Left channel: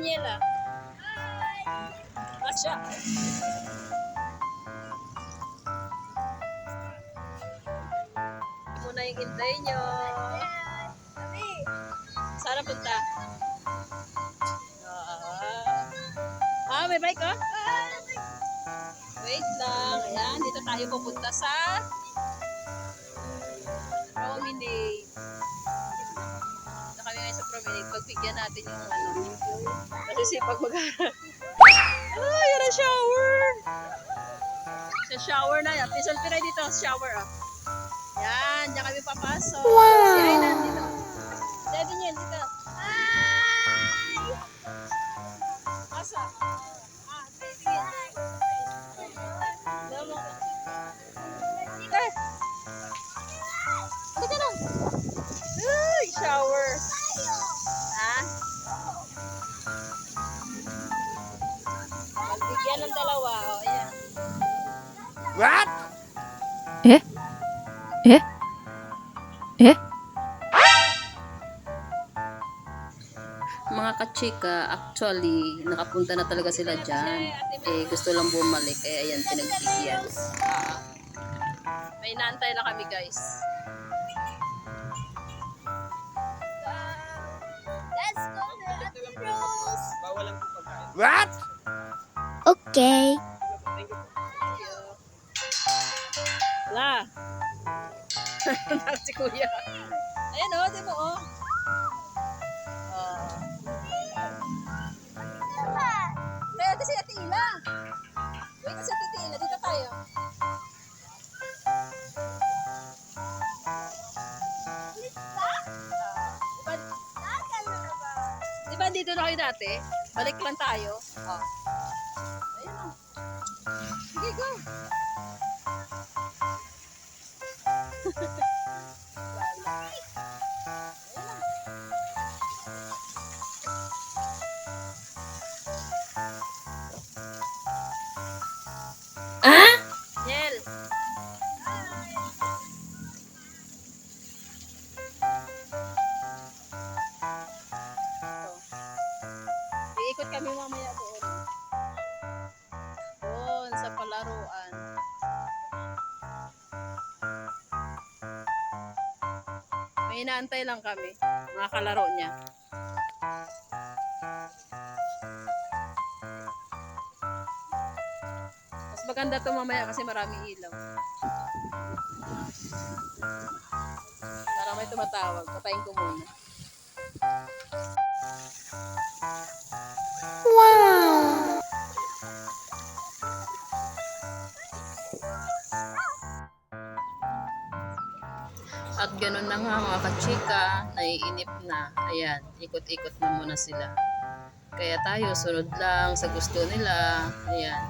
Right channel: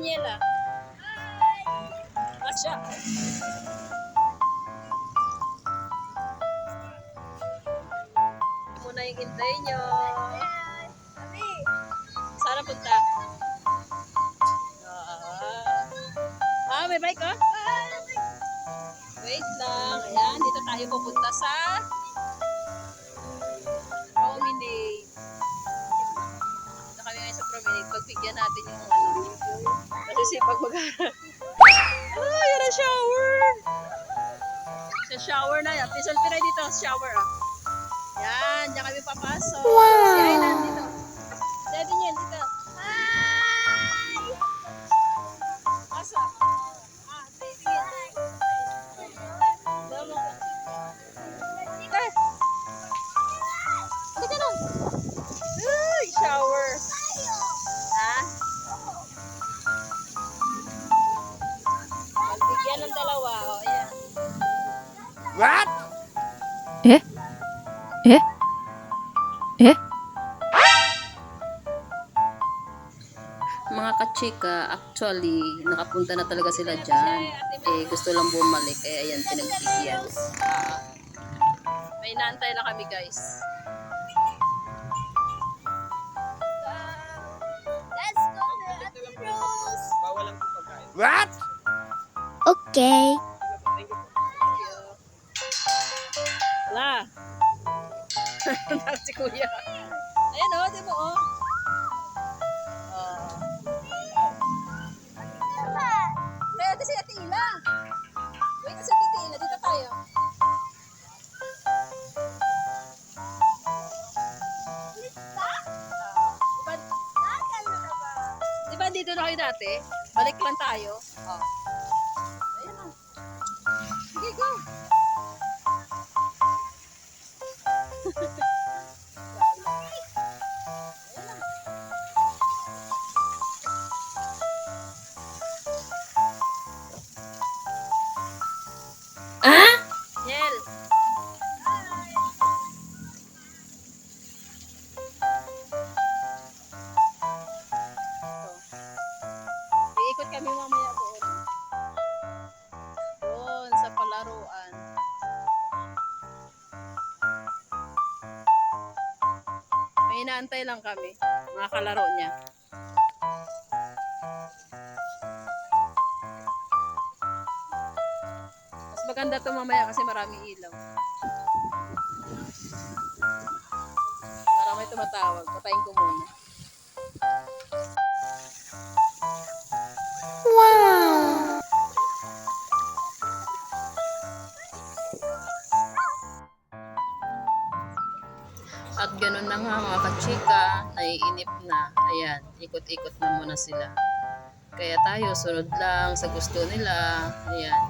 Niela. Asya. Muna yung intay nyo. Sana punta. May bike oh. Wait lang. Ayan, dito tayo pupunta sa Promenade. Dito kami ngayon sa Promenade. Pagbigyan natin yung ano. Kasi sipag mag-aral. Oh, yan ang shower. Sa shower na yan. Pisalpi na dito. Shower ah. Yan, diyan kami papasok. Wow. Si Ainan dito. Si Ainan dito. Hi! Asa? Uy, shower. Ha? Magbigyan ng dalawa. O, ayan. What? Eh? Eh? Eh? Mga kachika, actually, nakapunta na talaga sila dyan. Eh, gusto lang bumalik. Kaya ayan, pinagbigyan. May naantay lang kami, guys. Let's go to Ate Rose. Bawal lang po pagkain. What? Okay. Wala. Si Kuya. Ayan o, di mo o. Kaya ito si Ate Ila. Wait, si Ate Ila. Dito tayo. Diba dito na kayo dati? Balik lang tayo. Oh. Ayan o. Sige, go. Yel. Iikot kami mamaya doon. Doon sa palaruan. May inaantay lang kami. Mga kalaro niya. Mas maganda to mamaya kasi maraming ilaw. Para may tumatawag. Patayin ko muna. Wow! At ganun na nga mga kachika, naiinip na. Ayan, ikot-ikot na muna sila. Kaya tayo, sunod lang sa gusto nila. Ayan,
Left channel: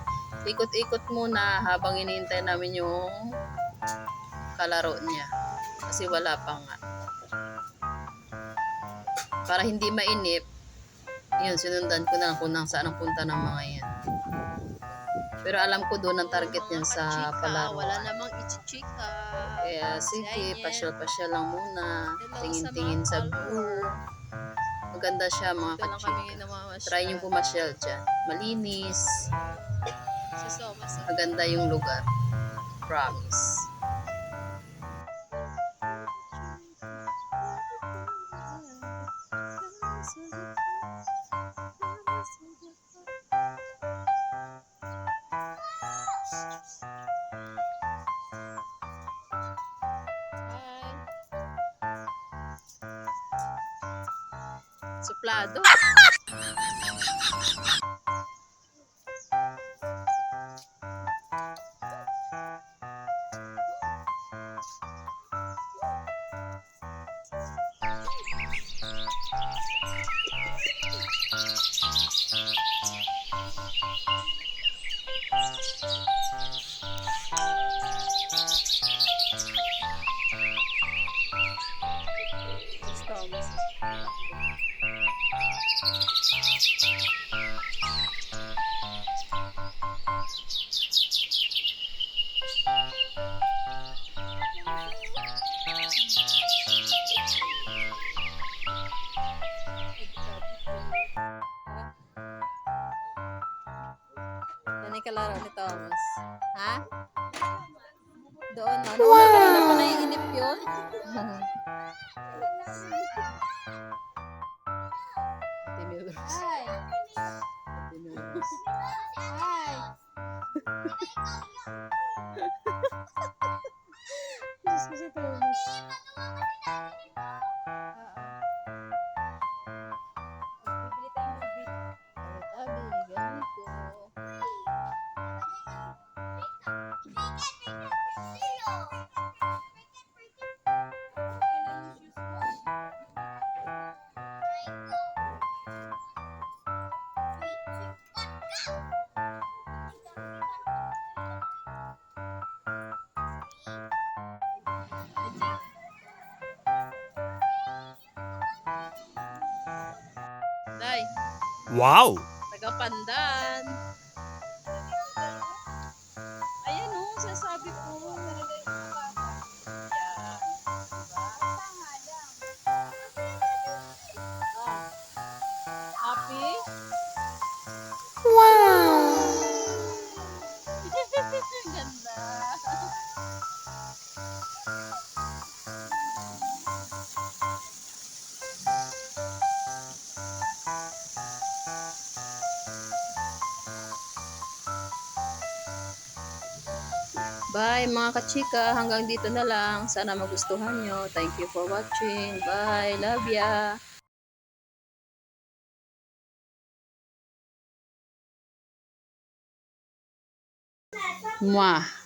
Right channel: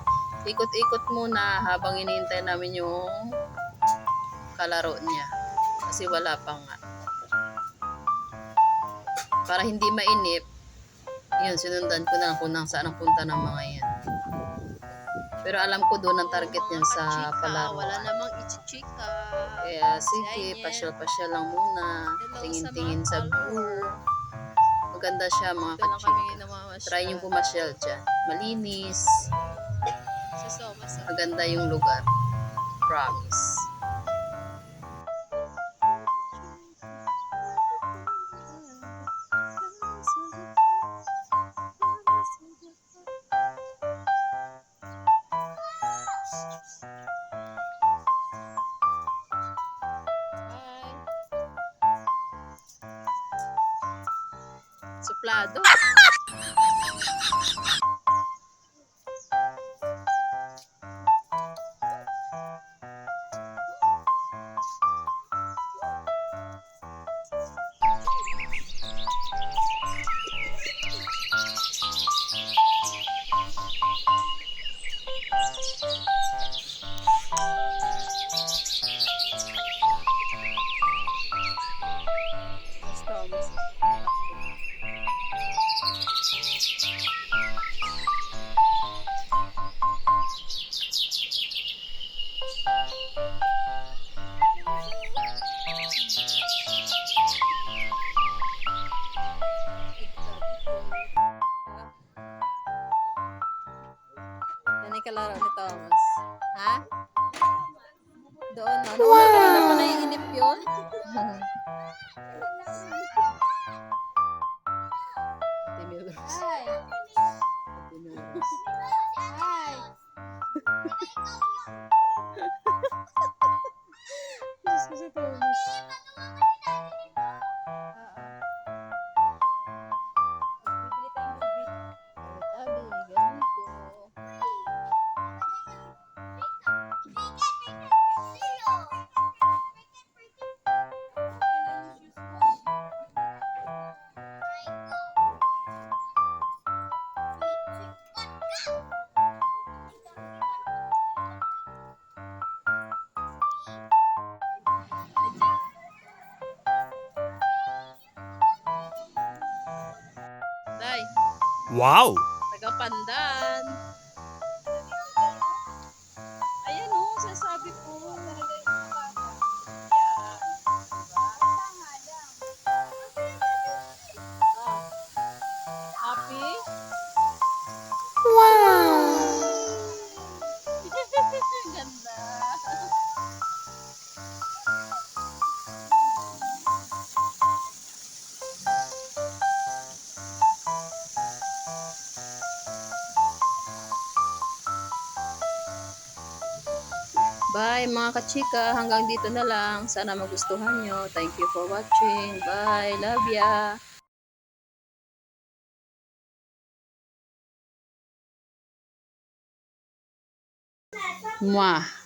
ikot-ikot muna habang hinihintay namin yung kalaro niya. Kasi wala pa nga. Para hindi mainip, yun, sinundan ko na lang kung saan ang punta ng mga yan. Pero alam ko doon ang target niyan sa palaro. Wala namang ichichika. Kaya sige, pasyal-pasyal lang muna. Tingin-tingin sa view. Maganda siya mga kachika. Try yung pumasyal dyan. Malinis. Maganda yung lugar. Promise. Suplado. May kalaro ni Thomas. Ha? Doon na. Nauna ka na pa naiinip yun. Ate Milrose. Ate Milrose. Diyos ko si Thomas. Tabi, ganito. Day, Wow! taga-pandan. Ayan o, sasabi ko. Yan. Ah. Happy? Wow! Ganda. Bye mga kachika. Hanggang dito na lang. Sana magustuhan nyo. Thank you for watching. Bye. Love ya. Mwah.